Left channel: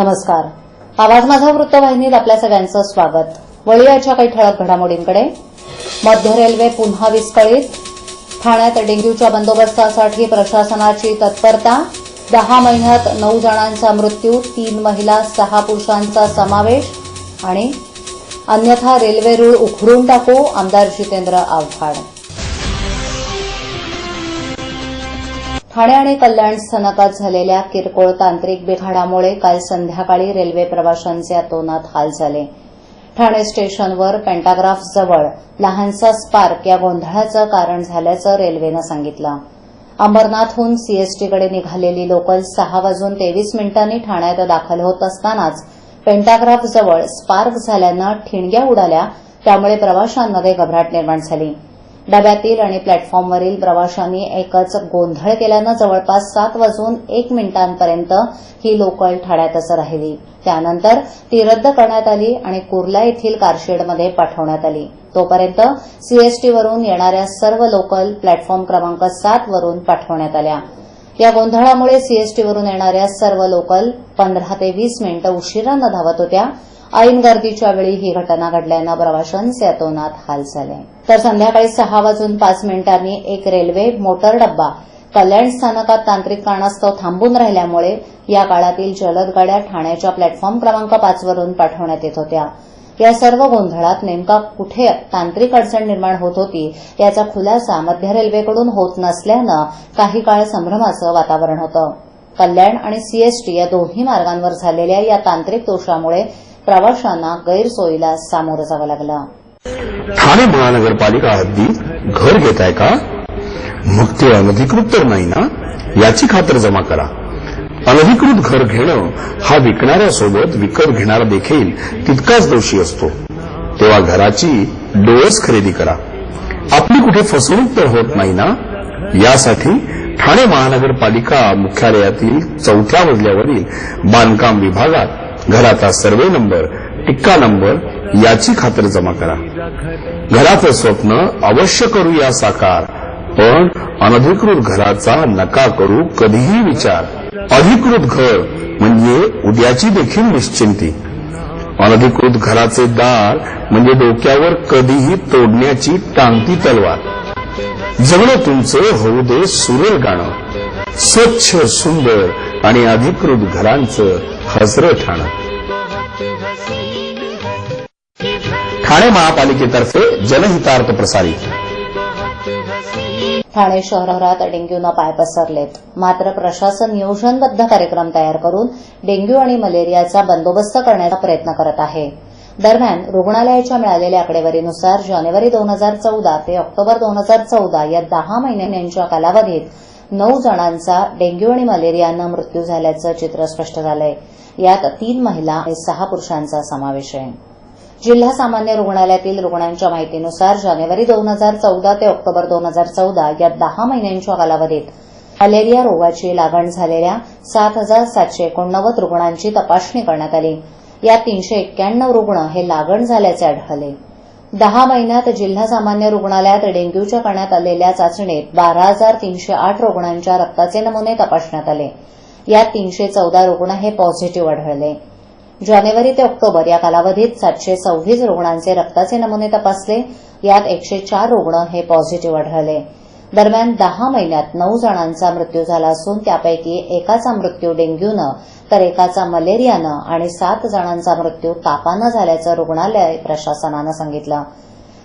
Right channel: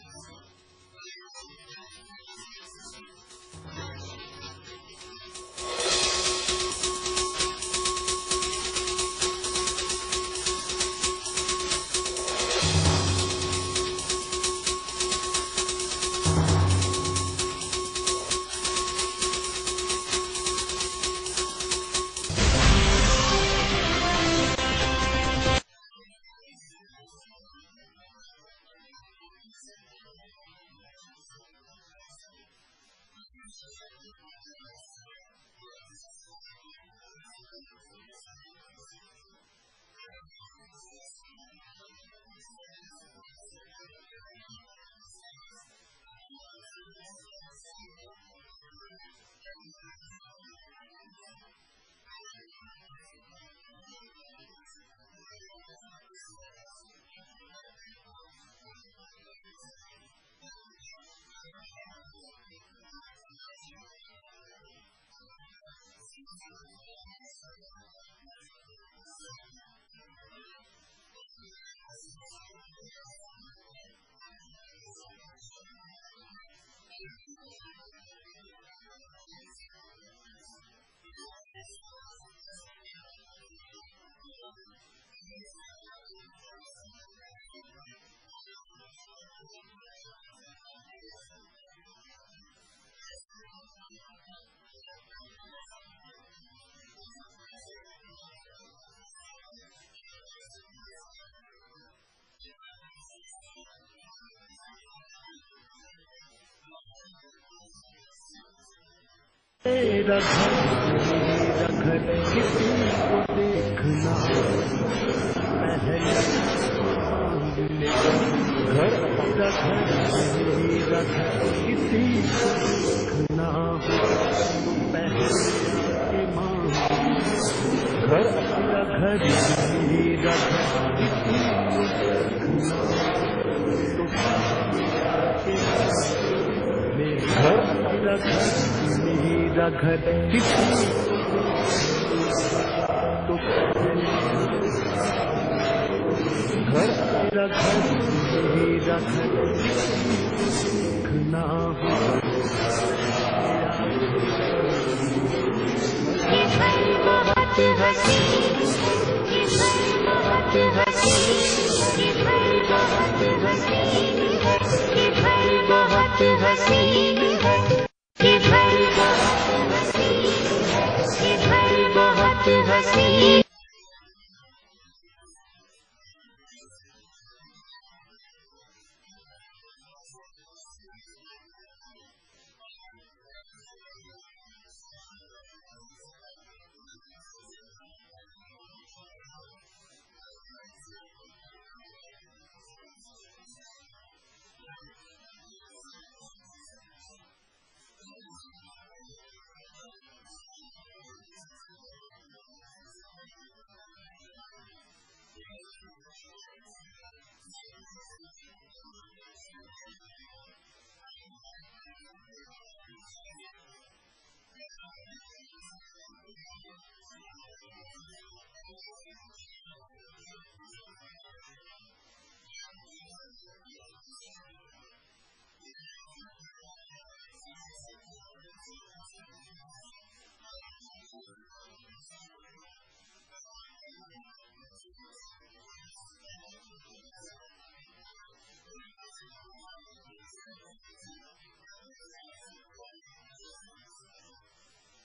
नमस्कार. आवाज माझा वृत्तवाहिनीत आपल्या सगळ्यांचं स्वागत. वळूयाच्या काही ठळक घडामोडींकडे. मध्य रेल्वे पुन्हा विस्कळीत. ठाण्यात डेंग्यूच्या बंदोबस्तासाठी प्रशासनाची तत्परता. 10 महिन्यात 9 जणांचा मृत्यू, 3 महिला 6 पुरुषांचा समावेश. आणि अन्यथा रेल्वे रूळ उखडून टाकू, आमदार जितेंद्र आव्हाड. ठाणे आणि कल्याण स्थानकात झालेल्या किरकोळ तांत्रिक बिघाडामुळे काल संध्याकाळी रेल्वे प्रवाशांचे अतोनात हाल झाले. ठाणे स्टेशनवर पेंटाग्राफ जवळ लहानसा स्पार्क या गोंधळाचं कारण झाल्याचं रेल्वेनं सांगितलं. अंबरनाथहून सीएसटीकडे निघालेली लोकल 6:23 ठाण्यात दाखल होत असतानाच पेंटाग्राफ जवळ स्पार्क झाल्यानं ठिणग्या उडाल्या. त्यामुळे प्रवाशांमध्ये घबराट निर्माण झाली. डब्यातील आणि प्लॅटफॉर्मवरील प्रवाशांनी एकच गोंधळ केल्यानं जवळपास 7:01 ही लोकल ठाण्यातच राहिली. त्यानंतर ती रद्द करण्यात आली आणि कुर्ला येथील कारशेडमध्ये पाठवण्यात आली. तोपर्यंत सीएसटीवरून येणाऱ्या सर्व लोकल प्लॅटफॉर्म क्रमांक 7 वरून पाठवण्यात आल्या. या गोंधळामुळे सीएसटीवरून येणाऱ्या सर्व लोकल 15 ते 20 मिनिटं उशिरानं धावत होत्या. ऐन गर्दीच्या वेळी ही घटना घडल्यानं प्रवाशांचे अतोनात हाल झाले. तर संध्याकाळी 6:05 एक रेल्वे मोटर डब्बा कल्याण स्थानकात तांत्रिक कारणास्तव थांबून राहिल्यामुळे या काळातील जलद गाड्या ठाण्याच्या प्लॅटफॉर्म क्रमांक 5 वरून पाठवण्यात येत होत्या. या सर्व गोंधळात नेमका कुठे तांत्रिक अडचण निर्माण होत होती याचा खुलासा मध्य रेल्वेकडून होत नसल्यानं काही काळ संभ्रमाचं वातावरण होतं. कल्याण आणि सीएसटी या दोन्ही मार्गांवर झालेल्या या तांत्रिक दोषामुळे प्रवाशांना गैरसोयीला सामोरं जावं लागलं. ठाणे महानगरपालिका हद्दीत घर घेताय का? मग ते अनधिकृत तर नाही ना, याची खातर जमा करा. अनधिकृत घर घेणं हा विकणाऱ्यासोबत विकत घेणारा देखील तितकाच दोषी असतो. तेव्हा घराची डोळस खरेदी करा. आपली कुठे फसवणूक तर होत नाही ना, यासाठी ठाणे महानगरपालिका मुख्यालयातील 4थ्या मजल्यावरील बांधकाम विभागात घराचा सर्वे नंबर, टिक्का नंबर याची खातर जमा करा. घराचं स्वप्न अवश्य करूया साकार, पण अनधिकृत घराचा नका करू कधीही विचार. अधिकृत घर म्हणजे उद्याची देखील निश्चिंती. अनधिकृत घराचे दार म्हणजे डोक्यावर कधीही तोडण्याची टांगती तलवार. जगणं तुमचं होऊ दे सुरेल गाणं, स्वच्छ सुंदर आणि अधिकृत घरांचं हजरं ठाणं. ठाणे महापालिकेतर्फे जनहितार्थ प्रसारित. ठाणे शहरात डेंग्यूनं पाय पसरलेत. मात्र प्रशासन नियोजनबद्ध कार्यक्रम तयार करून डेंग्यू आणि मलेरियाचा बंदोबस्त करण्याचा प्रयत्न करत आहे. दरम्यान रुग्णालयाच्या मिळालेल्या आकडेवारीनुसार जानेवारी 2014 ते ऑक्टोबर 2014 या 10 महिन्यांच्या कालावधीत 9 जणांचा डेंग्यू आणि मलेरियानं मृत्यू झाल्याचं चित्र स्पष्ट झालंय. यात 3 महिला आणि 6 पुरुषांचा समावेश आहे. जिल्हा सामान्य रुग्णालयातील रुग्णांच्या माहितीनुसार जानेवारी 2014 ते ऑक्टोबर 2014 या 10 महिन्यांच्या कालावधीत मलेरिया रोगाची लागण झालेल्या 7,789 रुग्णांची तपासणी करण्यात आली. यात 391 रुग्ण हे लागण झाल्याचे आढळले. 10 महिन्यात जिल्हा सामान्य रुग्णालयात डेंग्यूच्या करण्यात आलेल्या चाचणीत 12,308 रुग्णांच्या रक्ताचे नमुने तपासण्यात आले. यात 314 रुग्ण हे पॉझिटिव्ह आढळले. जानेवारी ते ऑक्टोबर या कालावधीत 726 रुग्णांचे रक्ताचे नमुने तपासले. यात 104 रुग्ण हे पॉझिटिव्ह आढळले. दरम्यान 10 महिन्यात 9 जणांचा मृत्यू झाला असून त्यापैकी एकाचा मृत्यू डेंग्यूनं तर एकाचा मलेरियानं आणि 7 जणांचा मृत्यू तापानं झाल्याचं रुग्णालय प्रशासनानं सांगितलं.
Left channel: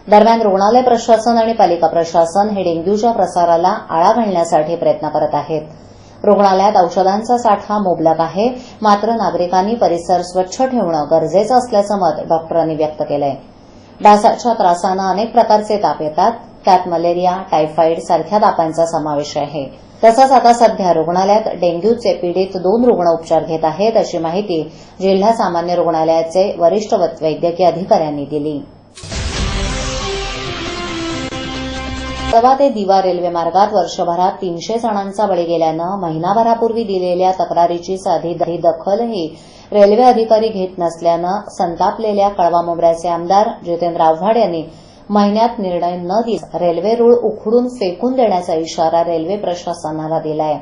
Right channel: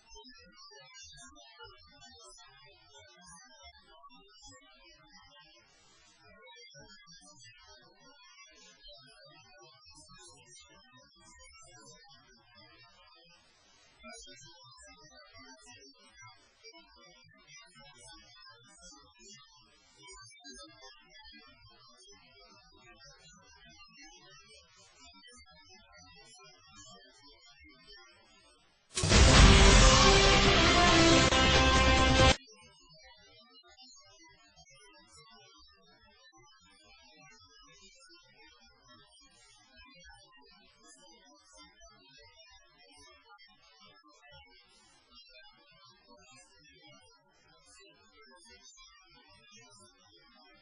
दरम्यान रुग्णालय प्रशासन आणि पालिका प्रशासन हे डेंग्यूच्या प्रसाराला आळा घालण्यासाठी प्रयत्न करत आहेत. रुग्णालयात औषधांचा साठा मुबलक आहे, मात्र नागरिकांनी परिसर स्वच्छ ठेवणं गरजेचं असल्याचं मत डॉक्टरांनी व्यक्त केलंय. डासाच्या त्रासानं अनेक प्रकारचे ताप येतात. त्यात मलेरिया, टायफॉइड सारख्या तापांचा समावेश आहे. तसंच आता सध्या रुग्णालयात डेंग्यूचे पीडित 2 रुग्ण उपचार घेत आहेत, अशी माहिती जिल्हा सामान्य रुग्णालयाचे वरिष्ठ वैद्यकीय अधिकाऱ्यांनी दिली. तवा ते दिवा रेल्वे मार्गात वर्षभरात 300 जणांचा बळी गेल्यानं महिनाभरापूर्वी दिलेल्या तक्रारीची साधी दखलही रेल्वे अधिकारी घेत नसल्यानं संतापलेल्या कळवा-मोबऱ्याचे आमदार जितेंद्र आव्हाड यांनी महिन्यात निर्णय न देता रेल्वे रूळ उखडून फेकून देण्याचा इशारा रेल्वे प्रशासनाला दिलाय.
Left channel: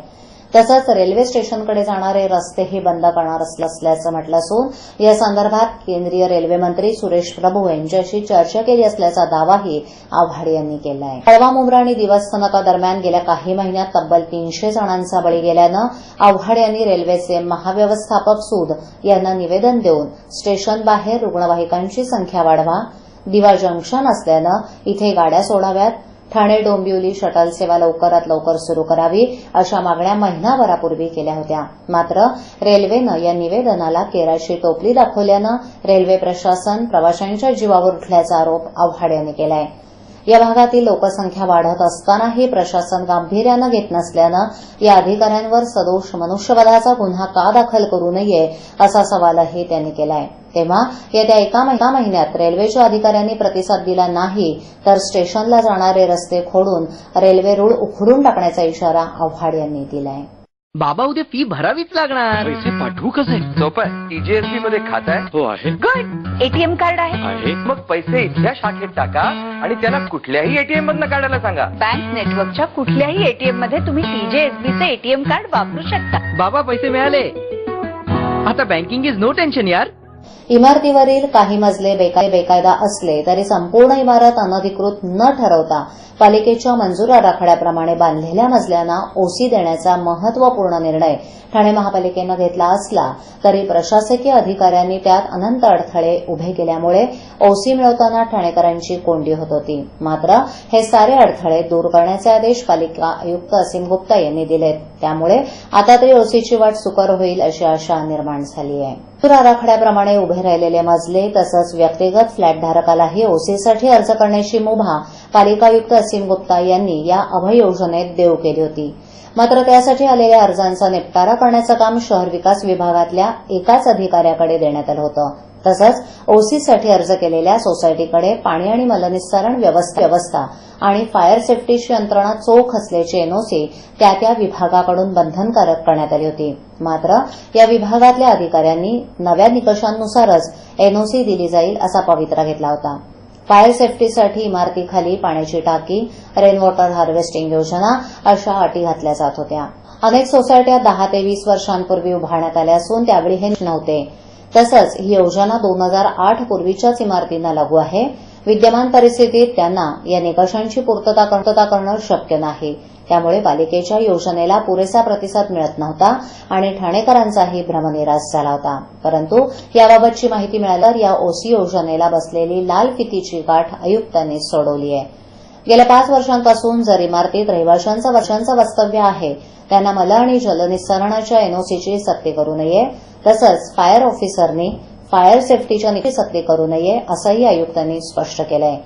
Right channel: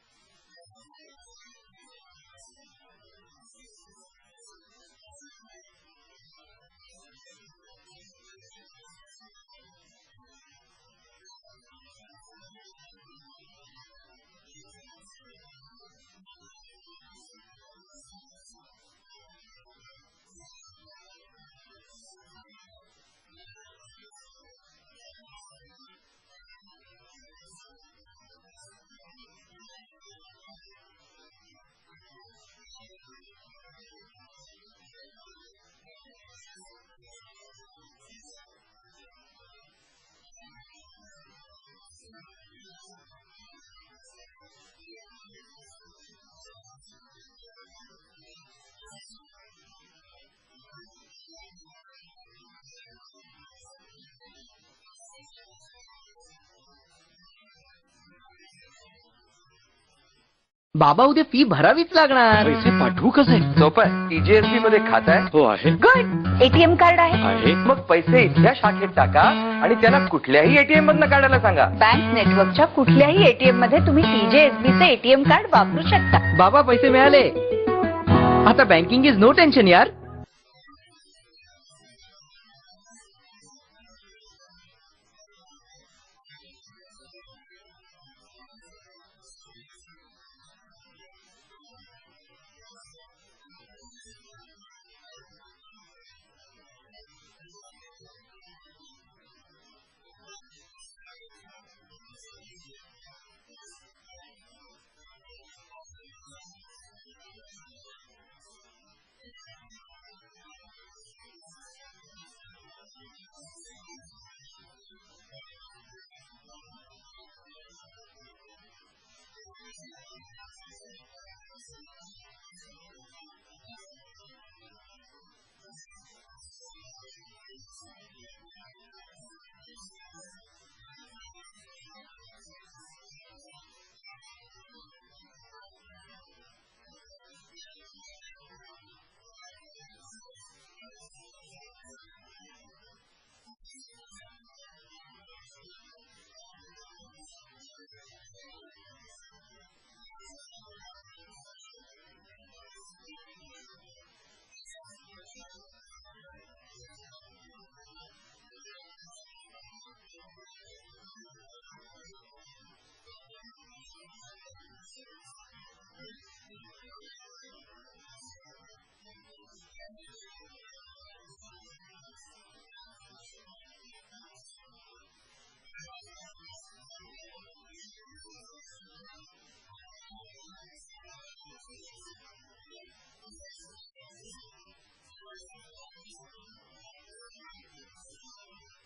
तसंच रेल्वे स्टेशनकडे जाणारे रस्तेही बंद करणार असल्याचं म्हटलं असून या संदर्भात केंद्रीय रेल्वे मंत्री सुरेश प्रभू यांच्याशी चर्चा केली असल्याचा दावाही आव्हाड यांनी केला आहे. कळवा आणि दिवस स्थानकादरम्यान गेल्या काही महिन्यात तब्बल 300 जणांचा बळी गेल्यानं आव्हाड यांनी रेल्वेचे महाव्यवस्थापक सूद यांना निवेदन देऊन स्टेशन बाहेर रुग्णवाहिकांची संख्या वाढवा, दिवा जंक्शन असल्यानं इथे गाड्या सोडाव्यात, ठाणे डोंबिवली शटल सेवा लवकरात लवकर सुरू करावी अशा मागण्या महिनाभरापूर्वी केल्या होत्या. मात्र रेल्वेनं या निवेदनाला केराची टोपली दाखवल्यानं रेल्वे प्रशासन प्रवाशांच्या जीवावर उठल्याचा आरोप आव्हाड यांनी केला आहे. या भागातील लोकसंख्या वाढत असतानाही प्रशासन गांभीर्यानं घेत नसल्यानं या अधिकाऱ्यांवर सदोष मनुष्यवधाचा गुन्हा का दाखल करू नये असा सवालही त्यांनी केला आहे. तेव्हा येत्या एका महिन्यात रेल्वेच्या अधिकाऱ्यांनी प्रतिसाद दिला नाही तर स्टेशनला जाणारे रस्ते खोडून रेल्वे रूळ उखडून टाकण्याचा इशारा आव्हाड यांनी दिला आहे. बाबा उद्या फी भरावीच लागणार. पैसे पाठवू कसे? सोपं आहे. टीजीएसबी मध्ये खातं आहे? हो आहे. गुड. एटीएम कार्ड आहे? मग पैसे इथल्या शाखेत टाका आणि त्यांना कुठल्याही एटीएम मधनं काढायला सांगा. बँक नेटवर्कच्या कुठल्याही एटीएम मध्ये तुम्ही टीजेएसबीचे एटीएम कार्ड वापरू शकता. बाबा पैसे मिळाले. आता बँकिंग इज नो टेन्शन यार. इमारतीवरील काही मजले बेकायदा असले तरी संपूर्ण इमारत अनधिकृत न ठरवता पालिकेच्या मंजूर आराखड्याप्रमाणे बांधलेल्या मजल्यांना ओसी देण्याचा महत्वपूर्ण निर्णय ठाणे महापालिकेनं घेतला असला तरी प्रशासकीय अधिकाऱ्यांनी त्यात अनंत अडथळे उभे केल्यामुळे ओसी मिळवताना ठाणेकरांची कोंडी होत होती. मात्र हे सारे अडथळे दूर करण्याचे आदेश पालिका आयुक्त असीम गुप्ता यांनी दिलेत. त्यामुळे आता तरी ओसीची वाट सुकर होईल अशी आशा निर्माण झाली आहे. मंजूर आराखड्याप्रमाणे उभे राहिलेले मजले तसंच व्यक्तिगत फ्लॅटधारकालाही ओसीसाठी अर्ज करण्याची मुभा पालिका आयुक्त असीम गुप्ता यांनी या अभय योजनेत देऊ केली होती. मात्र त्यासाठी आलेल्या अर्जांचा निपटारा करण्याचं काम शहर विकास विभागातल्या एकाच अधिकाऱ्याकडे देण्यात आलं होतं. तसंच ओसीसाठी अर्ज केलेल्या सोसायटीकडे पाणी आणि मलनिस्सारण व्यवस्था आणि फायर सेफ्टीची यंत्रणा चोख असल्याची एनओसी त्या विभागाकडून बंधनकारक करण्यात आली होती. मात्र या विभागातल्या अधिकाऱ्यांनी नव्या निकषांनुसारच एनओसी दिली जाईल असा पवित्रा घेतला होता. फायर सेफ्टीसाठी इमारतीखाली पाण्याची टाकी, रेन वॉटर हार्वेस्टिंग योजना अशा अटी घातल्या जात होत्या. अनेक सोसायट्या 10 ते 20 वर्षांपूर्वी उभारण्यात आल्या असून त्यावेळी हे नव्हते. तसंच ही योजना 2008 पूर्वीच्याच इमारतींना लागू आहे. विद्यमान परिस्थितीत त्यांना या निकषांची पूर्तता करणं शक्य नाही. त्यामुळे पालिकेच्या योजनेला पुरेसा प्रतिसाद मिळत नव्हता आणि ठाणेकरांचाही भ्रमनिरास झाला होता. परंतु याबाबतची माहिती मिळाल्यावर या ओसी योजनेला बसलेली लाल फितीची गाठ आयुक्तांनी सोडवली आहे. गेल्या 5 वर्षांपासून जर इमारतीत रहिवाशांचं वास्तव्य आहे त्यांना मल आणि जलनिस्सारणाच्या एनओसीची सक्ती करू नये. तसंच फायर ऑफिसरनी फायर सेफ्टीच्या सक्ती करू नये असंही आयुक्तांनी स्पष्ट केलं आहे.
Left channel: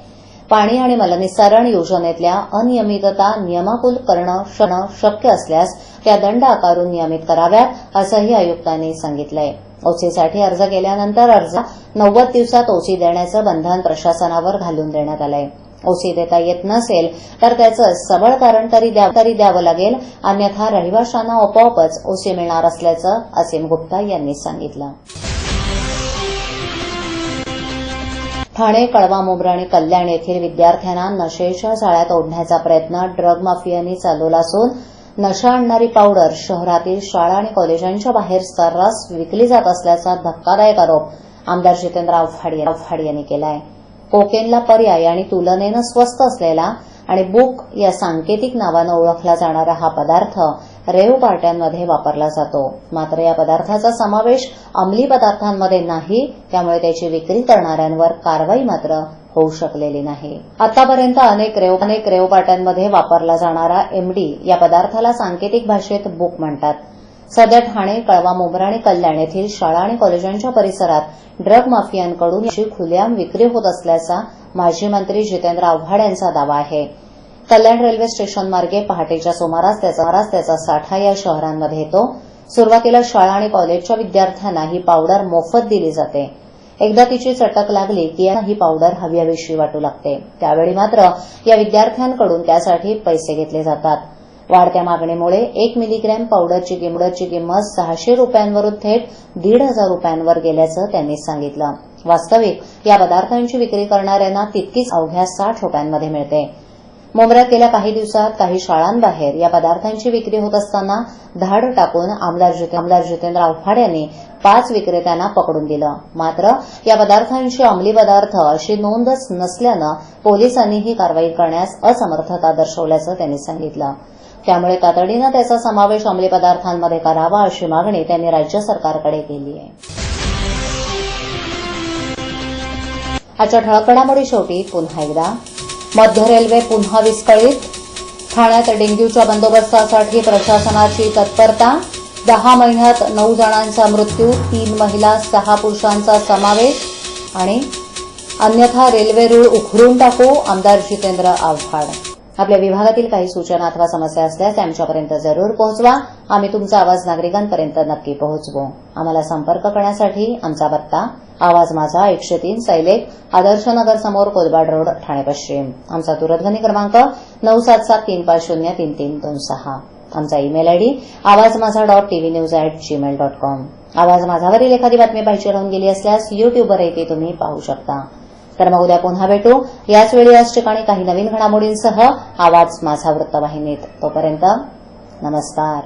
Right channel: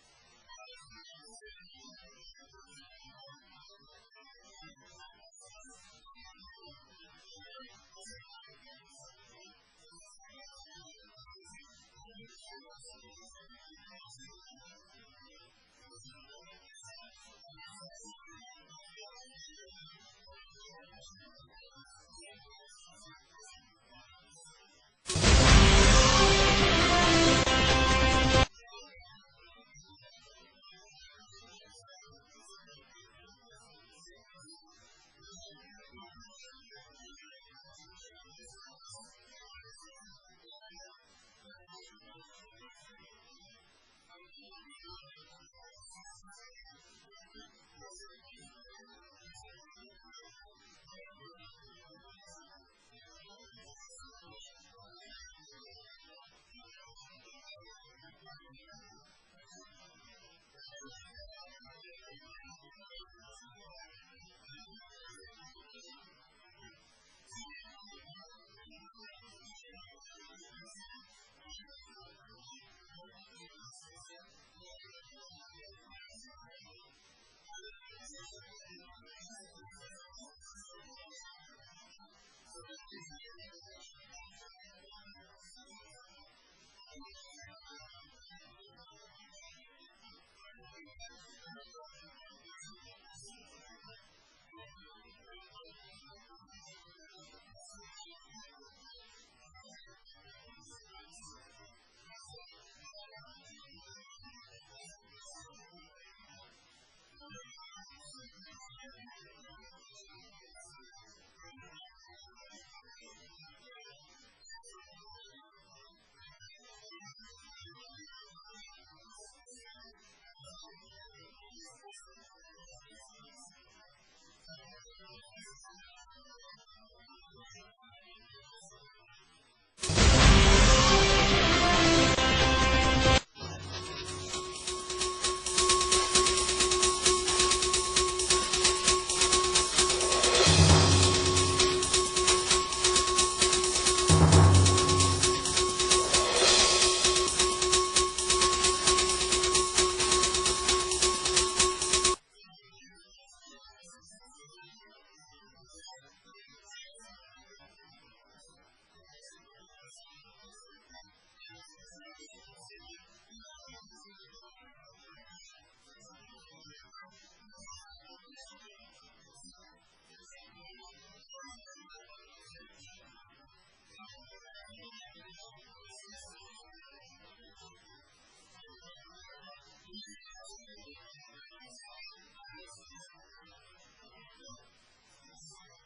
पाणी आणि मलनिस्सारण योजनेतल्या अनियमितता नियमाकुल करणं शक्य असल्यास त्या दंड आकारून नियमित कराव्यात असंही आयुक्तांनी सांगितलंय. ओसीसाठी अर्ज केल्यानंतर 90 दिवसात ओसी देण्याचं बंधन प्रशासनावर घालून देण्यात आलंय. ओसी देता येत नसेल तर त्याचं सबळ कारण तरी द्यावं लागेल, अन्यथा रहिवाशांना आपोआपच ओसी मिळणार असल्याचं असीम गुप्ता यांनी सांगितलं. ठाणे, कळवा, मुंब्रा आणि कल्याण येथील विद्यार्थ्यांना नशेच्या जाळ्यात ओढण्याचा प्रयत्न ड्रग माफियांनी चालवला असून नशा आणणारी पावडर शहरातील शाळा आणि कॉलेजांच्या बाहेर सर्रास विकली जात असल्याचा धक्कादायक आरोप आमदार जितेंद्र आव्हाड यांनी केला आहे. कोकेनला पर्याय आणि तुलनेनं स्वस्त असलेला आणि बुक या सांकेतिक नावानं ओळखला जाणारा हा पदार्थ रेव पार्ट्यांमध्ये वापरला जातो. मात्र या पदार्थाचा समावेश अंमली पदार्थांमध्ये नाही, त्यामुळे त्याची विक्री करणाऱ्यांवर कारवाई मात्र होऊ शकलेली नाही. आतापर्यंत अनेक रेव पार्ट्यांमध्ये वापरला जाणारा एमडी या पदार्थाला सांकेतिक भाषेत बुक म्हणतात. सध्या ठाणे, कळवा, मुंब्रा आणि कल्याण येथील शाळा आणि कॉलेजांच्या परिसरात ड्रग माफियांकडून याची खुलेआम विक्री होत असल्याचा माजी मंत्री जितेंद्र आव्हाड यांचा दावा आहे. कल्याण रेल्वे स्टेशन मार्गे पहाटेच्या सुमारास त्याचा साठा या शहरांमध्ये येतो. सुरुवातीला शाळा आणि कॉलेजच्या विद्यार्थ्यांना ही पावडर मोफत दिली जाते. एकदा तिची चटक लागली की ही पावडर हवीहवीशी वाटू लागते. त्यावेळी मात्र या विद्यार्थ्यांकडून त्यासाठी पैसे घेतले जातात. वाढत्या मागणीमुळे 1 मिलीग्रॅम पावडरची किंमत 600 रुपयांवरून थेट 1,500 रुपयांवर गेल्याचं त्यांनी सांगितलं. वास्तविक या पदार्थांची विक्री करणाऱ्यांना तितकीच अवघ्या 60 रुपयांमध्ये मिळते. मुंब्र्यात गेल्या काही दिवसात काही शाळांबाहेर या पदार्थांची विक्री होत असताना धाड टाकून आमदार जितेंद्र आव्हाड यांनी 5 विक्रेत्यांना पकडून दिलं. मात्र या पदार्थांची अंमली पदार्थ अशी नोंदच नसल्यानं पोलिसांनी ही कारवाई करण्यास असमर्थता दर्शवल्याचं त्यांनी सांगितलं. त्यामुळे तातडीनं त्याचा समावेश अंमली पदार्थांमध्ये करावा अशी मागणी त्यांनी राज्य सरकारकडे केली आहे. आजच्या ठळक घडामोडी शेवटी पुन्हा एकदा मध्य रेल्वे पुन्हा विस्कळीत. ठाण्यात डेंग्यूच्या बंदोबस्तासाठी प्रशासनाची तत्परता. 10 महिन्यात 9 जणांचा मृत्यू, 3 महिला 6 पुरुषांचा समावेश. आणि अन्यथा रेल्वे रूळ उखडून टाकू, आमदार जितेंद्र आव्हाड. आपल्या विभागातील काही सूचना अथवा समस्या असल्यास त्या आमच्यापर्यंत जरूर पोहोचवा. आम्ही तुमचा आवाज नागरिकांपर्यंत नक्की पोहोचवू. आम्हाला संपर्क करण्यासाठी आमचा पत्ता आवाज माझा 103 सैलेख आदर्शनगर समोर कोलबाड रोड ठाणे पश्चिम. आमचा दूरध्वनी क्रमांक 9774033326. आमचा ईमेल आयडी awazmaza.tvnews@gmail.com. आवाज माझावरील एखादी बातमी पाहिजे राहून गेली असल्यास युट्यूबवरही ती तुम्ही पाहू शकता. तर मग उद्या पुन्हा भेटू याच वेळी याच ठिकाणी काही नवीन घडामोडींसह आवाज माझा वृत्तवाहिनीत. तोपर्यंत नमस्कार.